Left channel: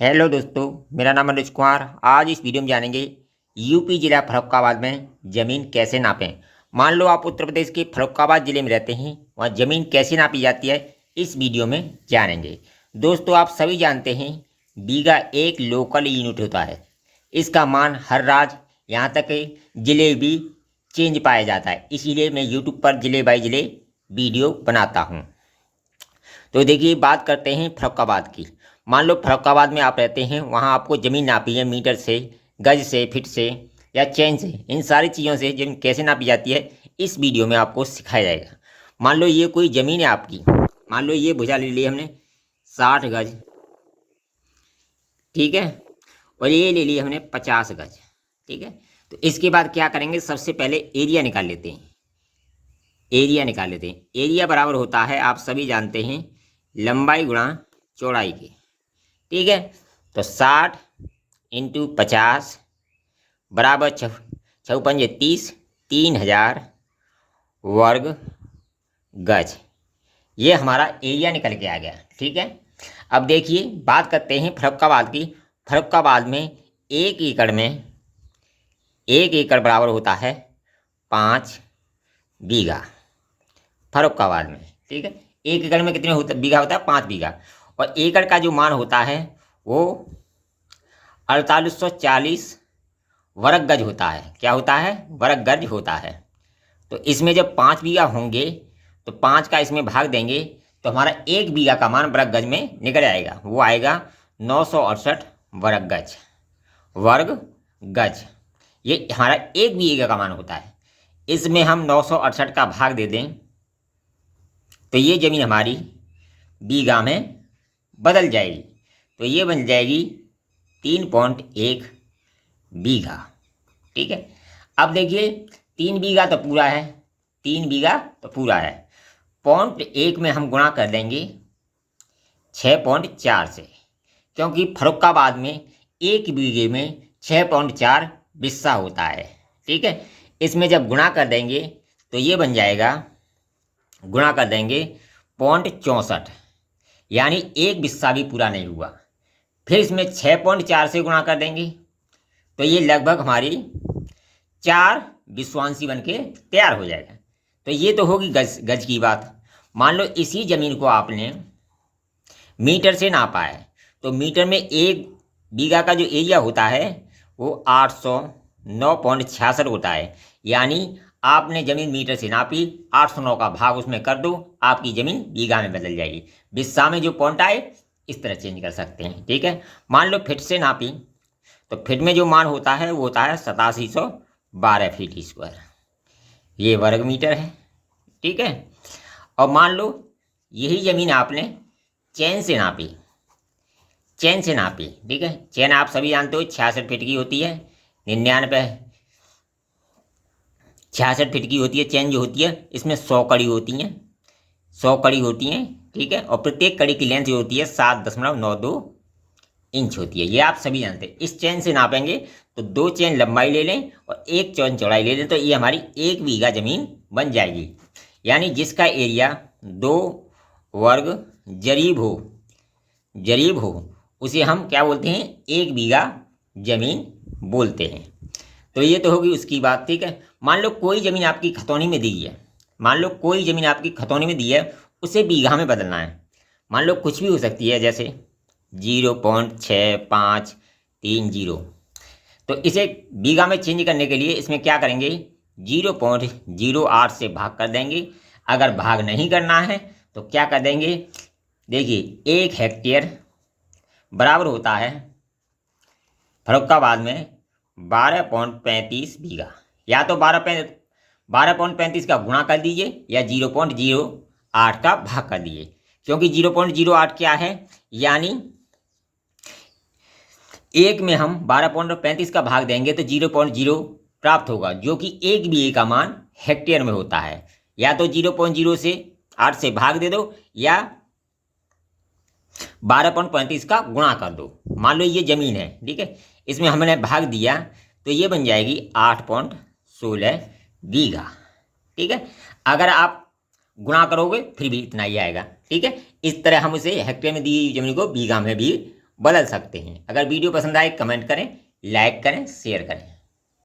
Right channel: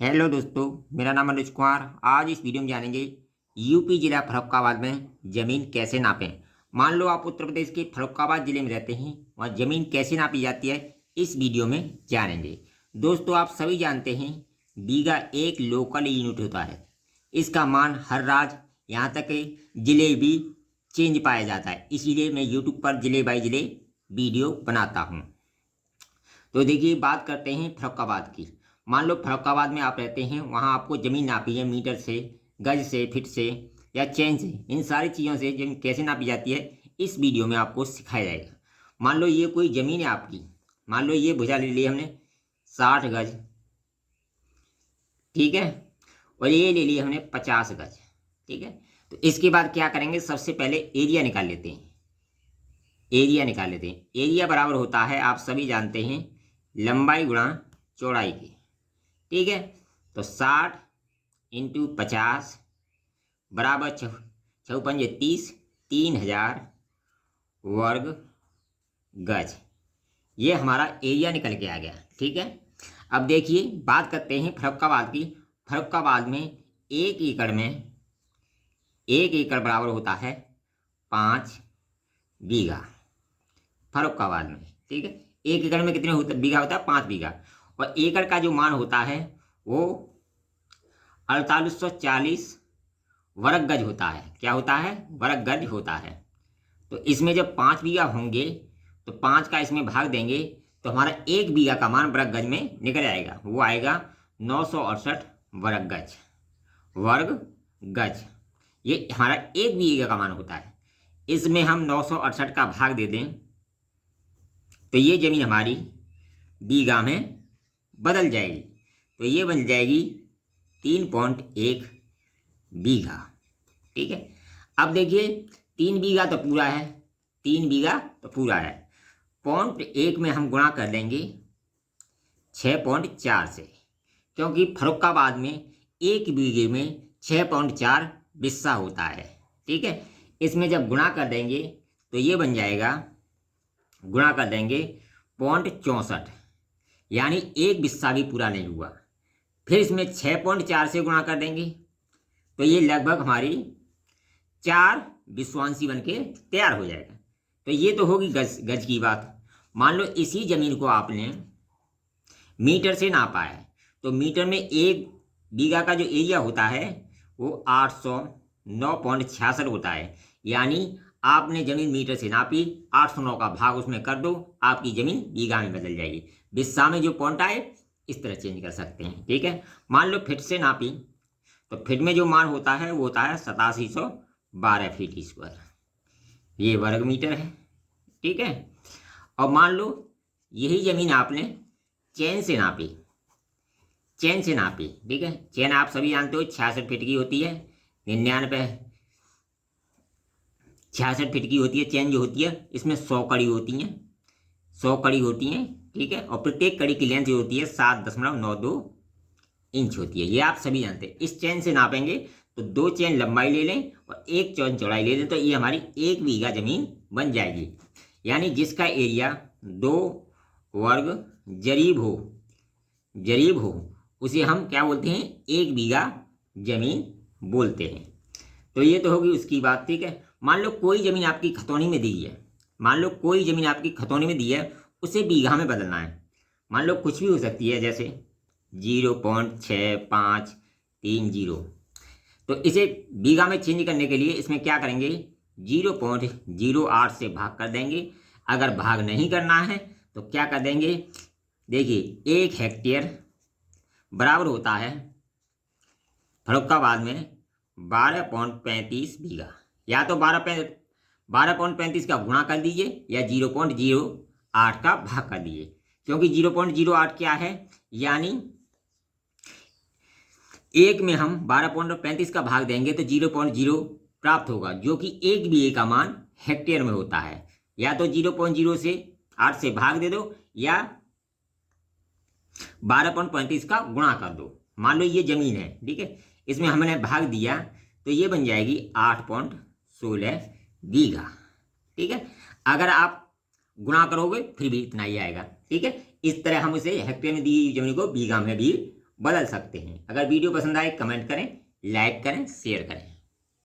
Hello दोस्तों, मेरा नाम अनुज कुमार। आज इस वीडियो में जानेंगे यूपी जिला फर्रुखाबाद में ज़मीन कैसे नापें। मान लो आप उत्तर प्रदेश के फर्रुखाबाद ज़िले में रहते हैं, वहाँ ज़मीन कैसे नापी जाती है इस वीडियो में जानेंगे। दोस्तों, आप सभी जानते हैं बीघा एक लोकल यूनिट होता है। इसका मान हर राज्य यहाँ तक कि ज़िले भी चेंज पाया जाता है, इसीलिए मैं यूट्यूब पर ज़िले बाई ज़िले वीडियो बनाता हूँ। तो देखिए, बात करते हैं फर्रुखाबाद की। मान लो फर्रुखाबाद में आप रहते हैं, वहाँ आपको ज़मीन नापी है मीटर से, गज से, फिट से या चैन से। इन सारी चीज़ों से ज़मीन कैसे नापी जाती है इस वीडियो में आपको सिखाया जाएगा। मान लो ये कोई ज़मीन है आपकी, मान लो ये भुजा ले ली हमने 60 गज, ठीक है, और ये ले ली हमने 50 गज, ठीक है। तो इसके बाद क्या करेंगे, सबसे पहले एरिया निकाल लेते हैं। एरिया बराबर होता है, आप सभी जानते हैं, लंबाई गुणा चौड़ाई के, ठीक है। तो 60 इंटू 50 बराबर 6×5 = 30, 3000 वर्ग गज। ये हमारा एरिया निकल के आ गया, ठीक है। अब देखिए, बात करते हैं फर्रुखाबाद की। फर्रुखाबाद में 1 एकड़ बराबर होता है 5 बीघा। फर्रुखाबाद में, ठीक है, 1 एकड़ में कितने बीघा होता है? 5 बीघा। और एकड़ का जो मान होता है वो 4840 वर्ग गज होता है। क्या होता है? वर्ग गज होता है। तो इसमें जब 5 बीघा होंगे तो 5 का इसमें भाग देंगे तो हमारा 1 बीघा का मान वर्ग गज में निकल आएगा, वो आएगा 968 वर्ग गज। ये हमारा 1 बीघा का मान होता है। इसमें हम 968 का भाग दे दें तो ये ज़मीन हमारी बीघा में बदल जाएगी। तो ये बन जाएगी 3.1 बीघा, ठीक है। अब देखिए, 3 बीघा तो पूरा है, 3 बीघा तो पूरा है। 0.1 में हम गुणा कर देंगे 6.4 से, क्योंकि फर्रुखाबाद में 1 बीघे में 6.4 बिस्सा होता है, ठीक है। इसमें जब गुणा कर देंगे तो ये बन जाएगा, गुणा कर देंगे 0.64, यानी 1 बिस्सा भी पूरा नहीं हुआ। फिर इसमें 6.4 से गुणा कर देंगे तो ये लगभग हमारी 4 विश्वांशी बन के तैयार हो जाएगा। तो ये तो होगी गज की बात। मान लो इसी जमीन को आपने मीटर से नापा है, तो मीटर में 1 बीघा का जो एरिया होता है वो 809.66 होता है। यानी आपने ज़मीन मीटर से नापी, 809 का भाग उसमें कर दो, आपकी ज़मीन बीघा में बदल जाएगी। बिस्सा में जो पॉइंट आए इस तरह चेंज कर सकते हैं, ठीक है। मान लो फिट से नापी, तो फिट में जो मान होता है वो होता है 8712 फीट स्क्वायर, ये वर्ग मीटर है, ठीक है। और मान लो यही ज़मीन आपने चैन से नापी, ठीक है। चैन आप सभी जानते हो 66 फीट की होती है, 66 फीट की होती है चैन जो होती है। इसमें 100 कड़ी होती हैं, 100 कड़ी होती हैं, ठीक है। और प्रत्येक कड़ी की लेंथ जो होती है 7.92 इंच होती है, ये आप सभी जानते हैं। इस चैन से नापेंगे तो 2 चैन लंबाई ले लें और 1 चैन चौड़ाई ले लें, तो ये हमारी 1 बीघा जमीन बन जाएगी। यानी जिसका एरिया 2 वर्ग जरीब हो उसे हम क्या बोलते हैं? 1 बीघा जमीन बोलते हैं। तो ये तो होगी उसकी बात, ठीक है। मान लो कोई ज़मीन आपकी खतौनी में दी है, उसे बीघा में बदलना है। मान लो कुछ भी हो सकती है, जैसे 0.6530, तो इसे बीघा में चेंज करने के लिए इसमें क्या करेंगे? 0.08 से भाग कर देंगे। अगर भाग नहीं करना है तो क्या कर देंगे? देखिए, 1 हेक्टेयर बराबर होता है फर्रुखाबाद में 12.35 बीघा। या तो 12.35 का गुणा कर दीजिए या 0.08 का भाग कर दीजिए, क्योंकि 0.08 क्या है? यानी 1 में हम 12.35 का भाग देंगे तो 0.0 प्राप्त होगा, जो कि 1 बीघे का मान हेक्टेयर में होता है। या तो 0.0 से 8 से भाग दे दो या 12.35 का गुणा कर दो। मान लो ये जमीन है, ठीक है, इसमें हमने भाग दिया तो ये बन जाएगी 8.16 बीघा, ठीक है। अगर आप गुणा करोगे फिर भी इतना ही आएगा, ठीक है। इस तरह हम इसे हेक्टेयर में दी जमीन को बीघा में भी बदल सकते हैं। अगर वीडियो पसंद आए कमेंट करें, लाइक करें, शेयर करें।